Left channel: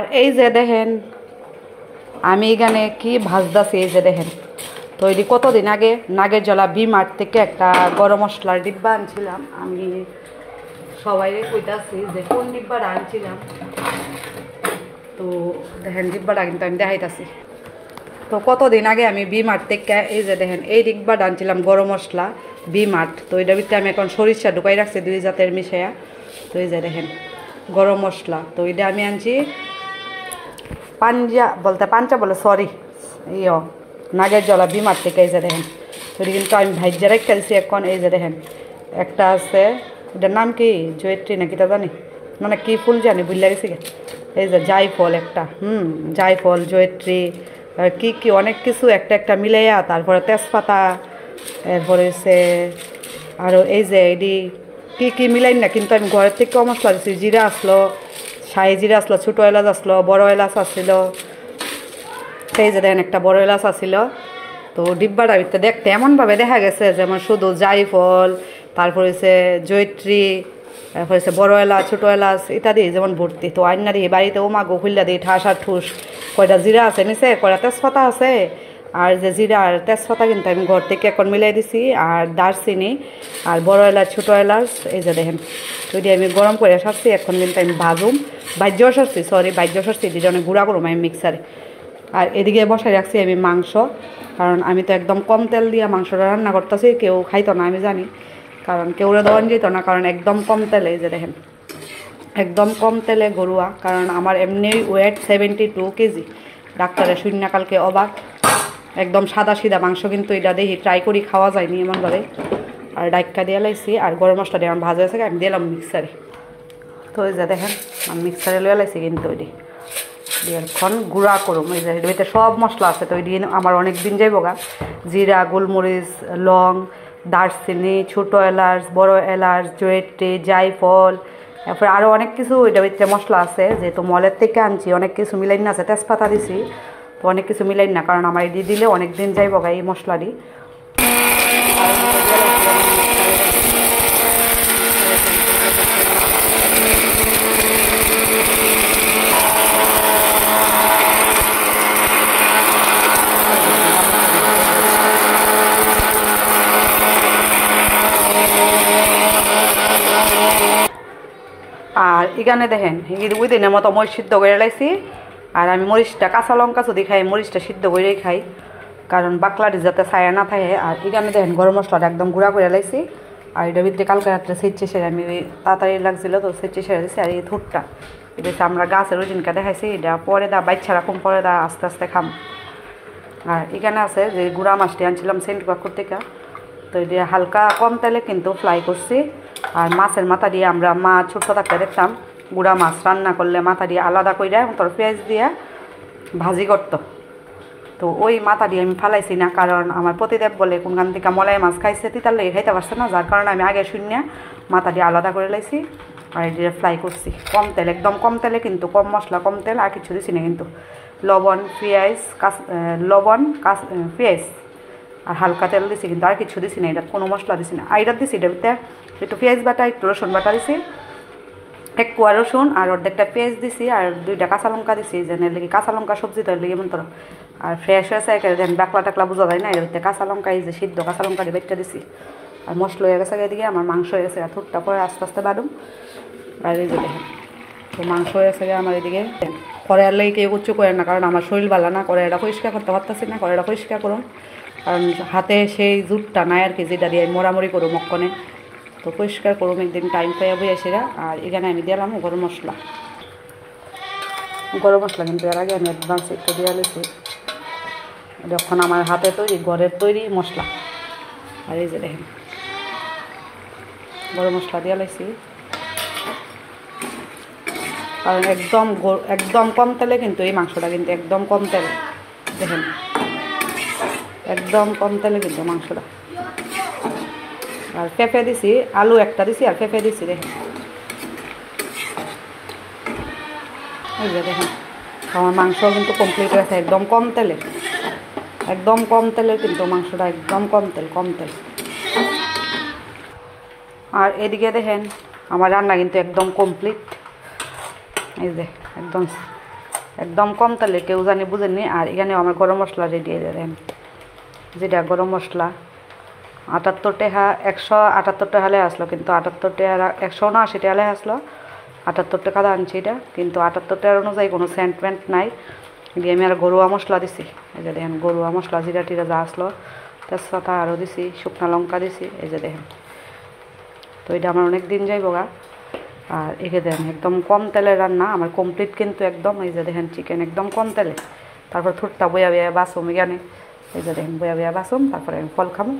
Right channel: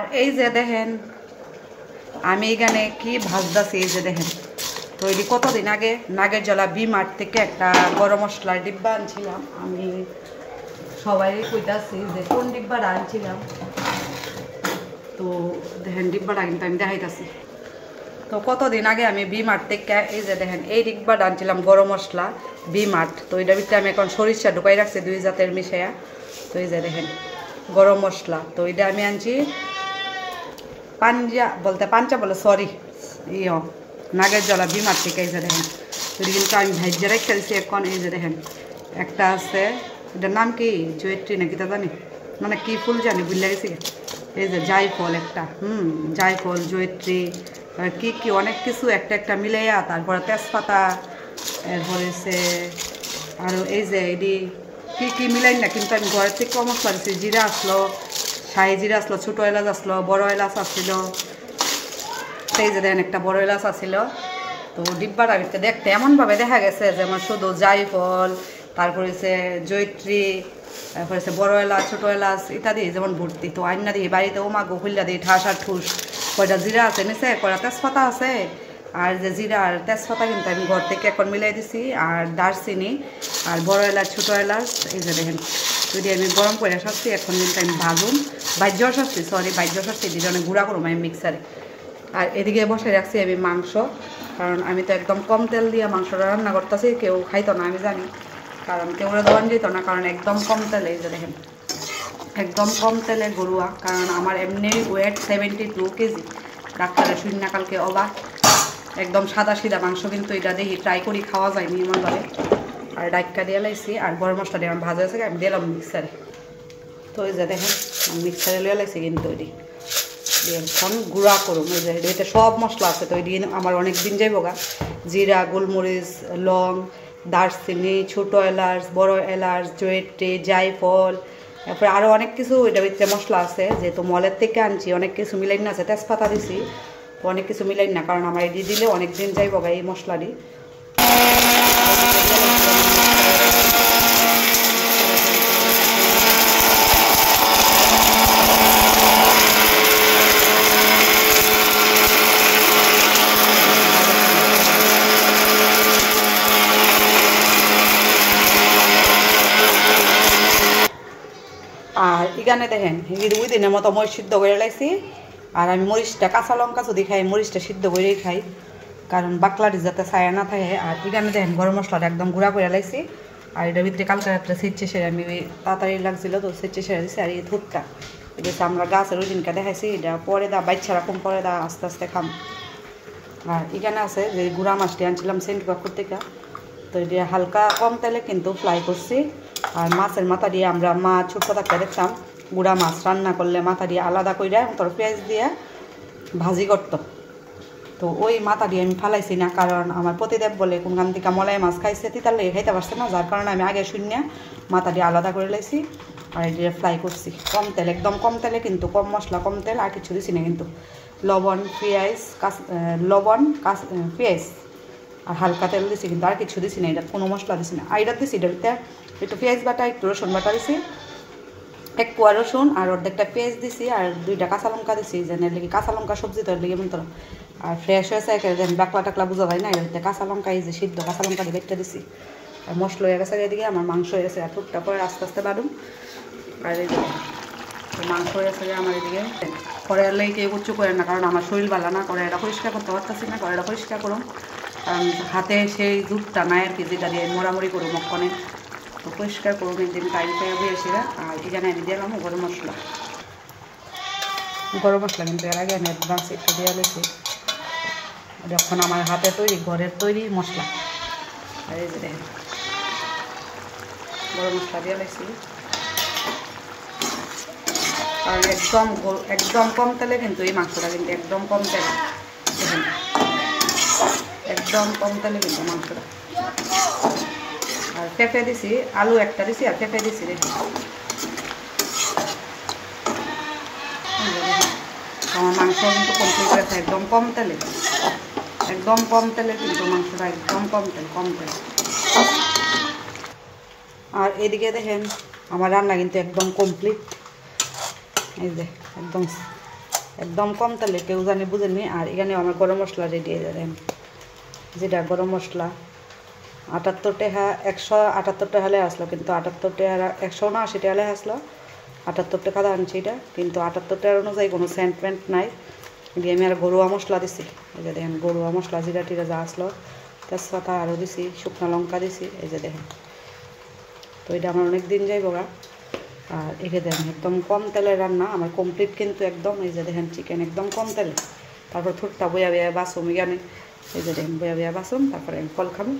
এই যে দেখেন আমি এখানে কি ভাজদাছি, এই যে দেখেন তৈরি কতদিন আগে নাগের জলা বি-মার্ট থেকে একটা গরম মশলার ডিব্বা আনছিলাম। আমি সবাই কইতাছি যে কোন ডিব্বাটা আনছিলাম, তো দেখেন ডিব্বাটা কিন্তু আমি দেখাইতাছি। তো কতদিন আগে আমি বি-মার্ট থেকে এই যে দেখেন এই ডিব্বাটা আনছিলাম গরম মশলা বি-মার্ট। তো এটা ভিতরে আমি এখন সরিষা ঢুকাই রাখছি 2 জাতের মিশায়া। তো এই যে দেখেন গরম মশলা, তো এটা আমি আনছি পাঞ্জা বলে সরি নাগের জলা বি-মার্ট থেকে। এই যে দেখেন তো কিন্তু আমি ভাইজা রেখে দিচ্ছি এখন। এই যে দেখেন একটা আছে, এটার নাম কি জয়ত্রী নাকি তা জানি, মানে কি ফুল জানি বুঝলা গেছি। এই যে জায়ফল একটা, জায়ফল জয়ত্রী আর কি কি অনেক কিছু একটা একটা মিলাইয়া, তারপরে তেজপাতা, এরপরে হচ্ছে আরও এই যে এডি কী কী মিলাই না, কিন্তু আমি ঘরের থেকে মশলা দিচ্ছি। জিরা আসলো, শাহি জিরা আসলো, ছোটো এলাচ আসলো, বড় এলাচ আসছিল। সেই যে দেখেন একটা বড় এলাচ আসছিল। তো ডিব্বাটা ভিতরে দেখতে এমনভাবে দেখা গেছে যেমন শুধু জায়ফল, তারপর হচ্ছে জয়ত্রী, তারপর হচ্ছে বড় এলাচ, ছোটো এলাচ ইত্যাদি যেমন ভর্তি। তো আইনা দিয়ে বাড়িতে ওমাগো খুললা দিই ঠাস আর ঠুস। কয়টা জিরা আছে নিচে, কয়টা তেজপাতা আছে, আর যে জিরা আর তেজপাতা কিন্তু আমি ঘর থেকে এখন মিলাই দিছি, আর দারচিনি আর বড় এলাচ, ছোটো এলাচ। এই যে দেখেন যদি আমি গরম করে সারছি, এখন কিন্তু আমি বাজ্য সারছি দিদি অনেক গুঁড়া করুম আমি মিক্সারে। আর এদিকে বসাই রাখছি আমি মাংস, কারণ আমি তো একদম কম তেল দিয়ে মাংসটা রান্না করতেছি। কেউ খাইতো না আমি জানি, কারণ কেউ দেওয়ান যেত না, কারণ একদম কম তেলে। এই যে দেখেন একদম কম তেলে গরুয়া, কারণ আমার এমনি ওয়েট 72 কেজি। ডাক্তারের শূন্য কালকে অবাক, একদম সাদা সিধা মাংস, কিন্তু এটা দেখি ট্রাই করি খাওয়া যায়নি এমন করে। আর ডাইকা দিয়ে লাইছি, আর গরম মশলা দিয়ে আমার ভাজা হয়েছে, আমি দিলাম মিক্সারে। তো এই যে দেখেন আমি মিক্সারে লিয়ে লাইছি, কিন্তু ওই দিয়ে এখন গুঁড়া করুম। এই যে এটাতে সব মশলা আছে, তো ওই দিয়ে আমার অনেক দিন যাইব গা। জিরা, গোলমরিচ, লং, দারচিনি, ছোটো এলাচ, বড় এলাচ, জয়ত্রী, জায়ফল, তারপরে আরও অনেক কিছু এটা ভিতরে মশলা আছে। যেহেতু মলের থেকে আনছি অনেক কিছু মিলাই না আছে, তেজপাতা দিছি, তো অনেক কিছু মিলাই না, কারণ আমার এটি দিলে অনেক দিন যাইব গা এই মশলা দিই। আর এখানে দেখেন ওই দিনের মতো মরিচ সিদ্ধ করে লাইছি, আর আমি মরিচটা কাঁচা লঙ্কা যদি খাই মরিচটা সিদ্ধ করেই খাই, কারণ বাকলাটি যাতে ছায়া না থাকে। আর এখানে দেখেন গরম মশলাটা একদম গুঁড়া করে লাইছি, আর এটার ভিতরে কালকে রাত্রে সেচে সেরে আমি তাড়াতাড়ি লাগছিল তো সেচে সেরে দিচ্ছি। আর এই থুটটা এটা আমরা গাছের ওই দিনকে দেখাইছি, এটা পরে দা বাচ্চা রাখুন, পরে দা আস্তে আস্তে খাম। আর এখানে আছে যে গুঁড়া মাছটি আনছিলাম সেন্ট কাকুর থেকে, তো এটা হালকা কম তেলে কিন্তু ফ্রাই করছি। আর মাছের মাথা দিয়ে আমরা মা ছোট্ট থাকতে দেখতাম গুঁড়া মাছ রান্না করলে মাথা দিয়ে আলাদা করে তোর পেঁয়াজ দিয়ে ভাজি করতো, তো ওই মাথা দিয়ে আমি ফালাইছি না, কারণ আমার পতিদেব বলে কোনখান থেকে মলাই মাছ খাইছে তিতার লেগে খাইতে পারছে না, যার কারণে আমি আগে শূন্য মাথা দিয়ে আলাদা করে লাইছি। আর এটা ফ্রাই করছি কম তেল, একদম কম তেলে, কিন্তু কম মশলা কম তেল, আর কিছু দিছি না কিন্তু। লবণ, পেঁয়াজ, পেঁয়াজ আর হালকা তেল দিছি, কিন্তু আর কিছু দিছি না, এটা কোনো মশলা দিছি না। আর এটা দিছি এটার ভিতরে একটু পেঁয়াজ বাটা, একটু রসুন বাটা দিছি, এক কোয়া রসুন আর অর্ধেকটা পেঁয়াজ দিছি, আর 2টা কাঁচা লঙ্কা দিছি, যেন লেগে কাঁচা লঙ্কা সবজি তো লেগে মন। আর ফ্রেশ হয়েছে একেবারে, দেন বাকলা টাকলা বোঝা যায় না, এর ভিতরে কাঁচা লঙ্কা এই যে সিদ্ধ কাঁচা লঙ্কা দিয়ে বেটটা দিছি। আর মশলা হয়ে গেছে এদিকে, আমার মাংস হয়ে গেছে, থুটটা পরে আস্তে আস্তে বাড়ুম। আর এই যে তো মাংস হয়ে গেছে আমার এদিকে। কড়াইয়ের লেগে কেউ উচ্চ করে না, কারণ আমার শরীর ভালো না, কড়াইটা পরিষ্কার করতে পারতেছি না, কড়াইটা পরিষ্কার করুন, কারণ হাতে সেই জুটটা নাই আর কি, যেটা দিয়ে মোড়ামুড়ি করুম মক্ষণে। তো পরিষ্কার করুন একদিন টাইম পেয়ে বয়ে সেরা। আর এখানে আমি দিলাম গরম মশলা কিন্তু এর আগে আমি অ্যাডভান্স একটু দিয়ে নিয়েছি, যখন আমার হাতে তৈরি ঘরের তৈরি মশলা। আর এই যে দেখেন গরম মশলা দিয়ে নিয়েছি, কারণ একদম কম তেলে কিন্তু এই মাংসটা, কিন্তু একদম কম তেলে দেখেন, একদম কম তেলে কিন্তু মাংসটা। আর পেঁপে দিছি, আলু একটা দিছি, আর পেঁপে দিছি দেখেন। এই যে দেখেন আমার মাংস কিন্তু কমপ্লিট হয়েছে, একদম কম তেলে, একদম কম তেলে কিন্তু মাংসটা, একদম কম তেল। আর এদিকে দেখেন আমার রান্না কিন্তু একদম কমপ্লিট। এই যে একদম একদম কম তেলে, কেউ জানি বুঝেননি। আর এখানে আমার গরম মশলা রেডি হয়ে দেন, যেটা গরম মশলা 78 টাকা, 178 টাকা হলে আসলো, কিন্তু 78 টাকা 179 টাকা হলে আসলো, 78 টাকা দাম আনছি এটা, কিন্তু 78 টাকার অনুযায়ী কোনো সেন্টমেন্ট নাই। দিয়ে আমি আর গরুয়া মশলা দিছি, এই যে দেখেন গরুয়া মশলা জিরা টিরা যা আসলো, তেজপাতা আরও দিছি, শুকনো লঙ্কা দিছি, এই যে দেখেন। তো এটা আমার অনেক দিন যাইব গা। আর একে দেখেন একদম কম তেলের রান্না আমার কমপ্লিট, কিন্তু একদম এই যে দেখেন চিকেন একদম কম তেলে। তারপর থুটটা বয়া বয়া বাসুম এখানে, এই যে দেখেন বয়া বয়া বাসুম, তারপরে আমি ফল খামো।